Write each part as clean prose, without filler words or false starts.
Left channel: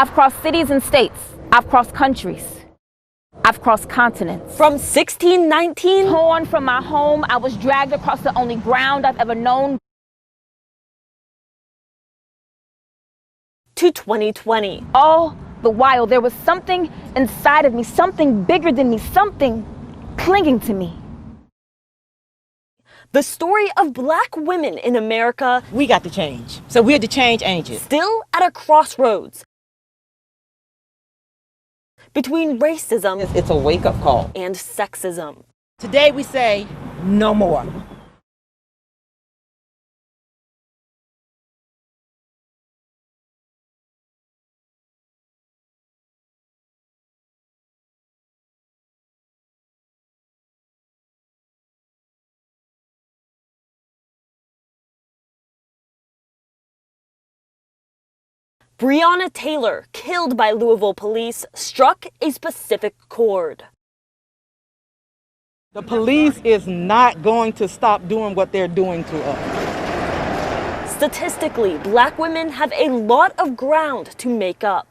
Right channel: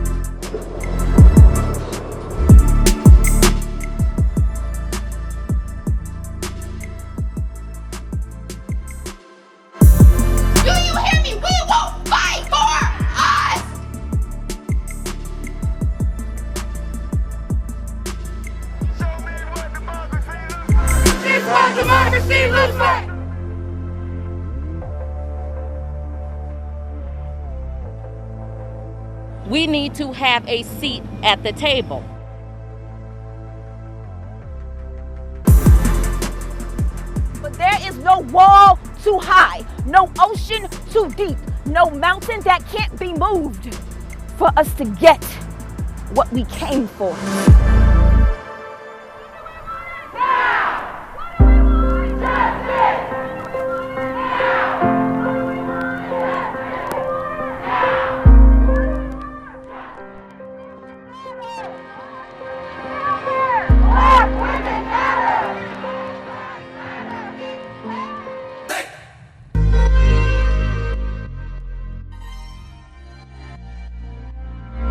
I've crossed cities and states. I've crossed countries. I've crossed continents. From 1619, torn from my home, I was dragged across the only ground I've ever known. Do you hear me? We will fight for us! To 2020. All the while, there was something inside of me, something bigger than me, something clinging to me. This is what democracy looks like! The story of Black women in America. We got to change. So we're the change agents. Still at a crossroads. We need to have a seat at the table. Between racism It's a wake-up call. and sexism. Today we say, no more. There is no wall too high, no ocean too deep, no mountain that can't be moved for us to get what we came for. Breonna Taylor, killed by Louisville police, struck a specific chord. The police is not going to stop doing what they're doing to us. Statistically, Black women have a lot of ground to make up.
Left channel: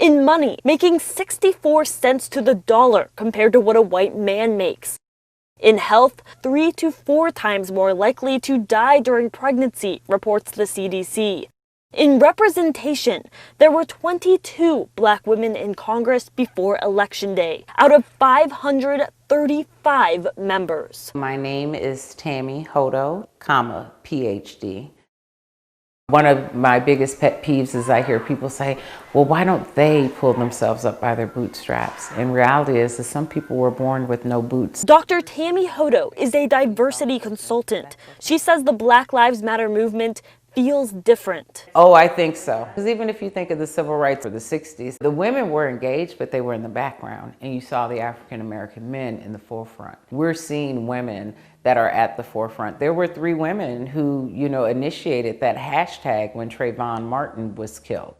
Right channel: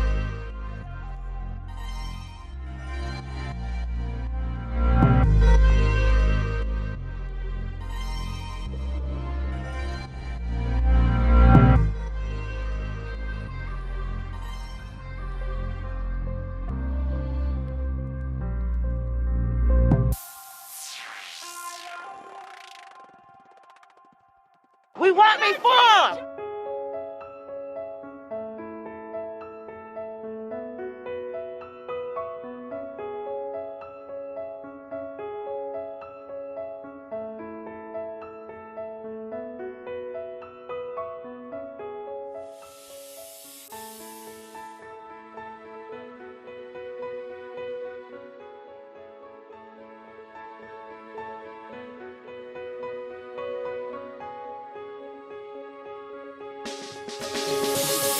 In money, making 64 cents to the dollar compared to what a white man makes. In health, 3 to 4 times more likely to die during pregnancy, reports the CDC. In representation, there were 22 Black women in Congress before Election Day, out of 535 members. My name is Tammy Hodo, PhD. We want reform! One of my biggest pet peeves is I hear people say, well, why don't they pull themselves up by their bootstraps? And reality is that some people were born with no boots. Dr. Tammy Hodo is a diversity consultant. She says the Black Lives Matter movement feels different. Oh, I think so. Because even if you think of the civil rights of the 60s, the women were engaged, but they were in the background. And you saw the African-American men in the forefront. We're seeing women that are at the forefront. There were 3 women who, initiated that hashtag when Trayvon Martin was killed.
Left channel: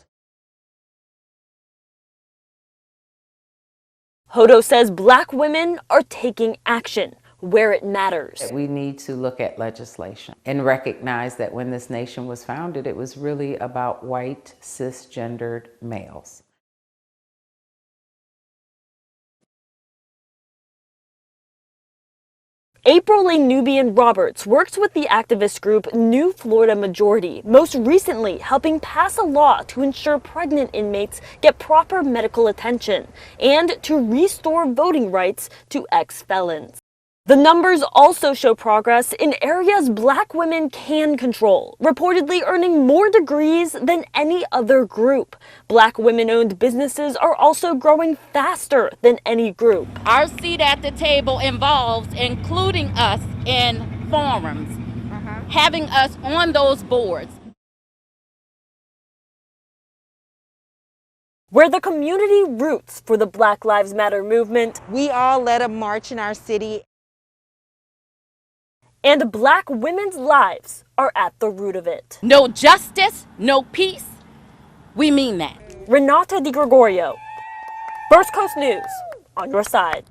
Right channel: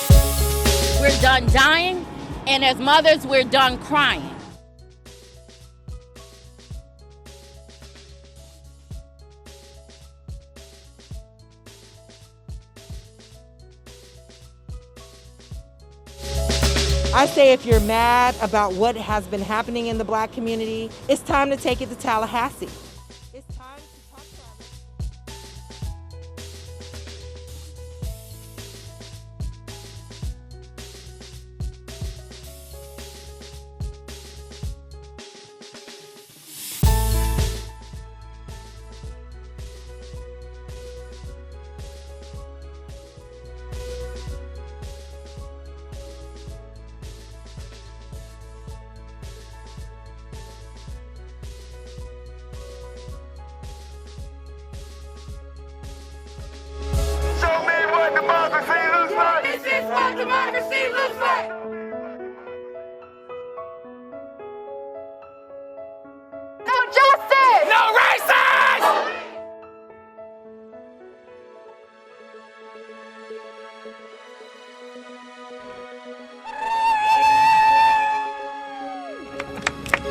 We're done dying, and as mothers, we're done crying. Hodo says Black women are taking action where it matters. We need to look at legislation and recognize that when this nation was founded, it was really about white, cisgendered males. I say if you're mad about what has been happening in the Black community, it's time to take it to Tallahassee. April A. Nubian Roberts works with the activist group New Florida Majority, most recently helping pass a law to ensure pregnant inmates get proper medical attention and to restore voting rights to ex-felons. The numbers also show progress in areas Black women can control, reportedly earning more degrees than any other group. Black women-owned businesses are also growing faster than any group. Our seat at the table involves including us in forums, having us on those boards. Show me what democracy looks like! This is what democracy looks like! Where the community roots for the Black Lives Matter movement, We all led a march in our city. No justice! No racism! and Black women's lives are at the root of it. No justice, no peace. We mean that. Renata Di Gregorio, First Coast News, on your side.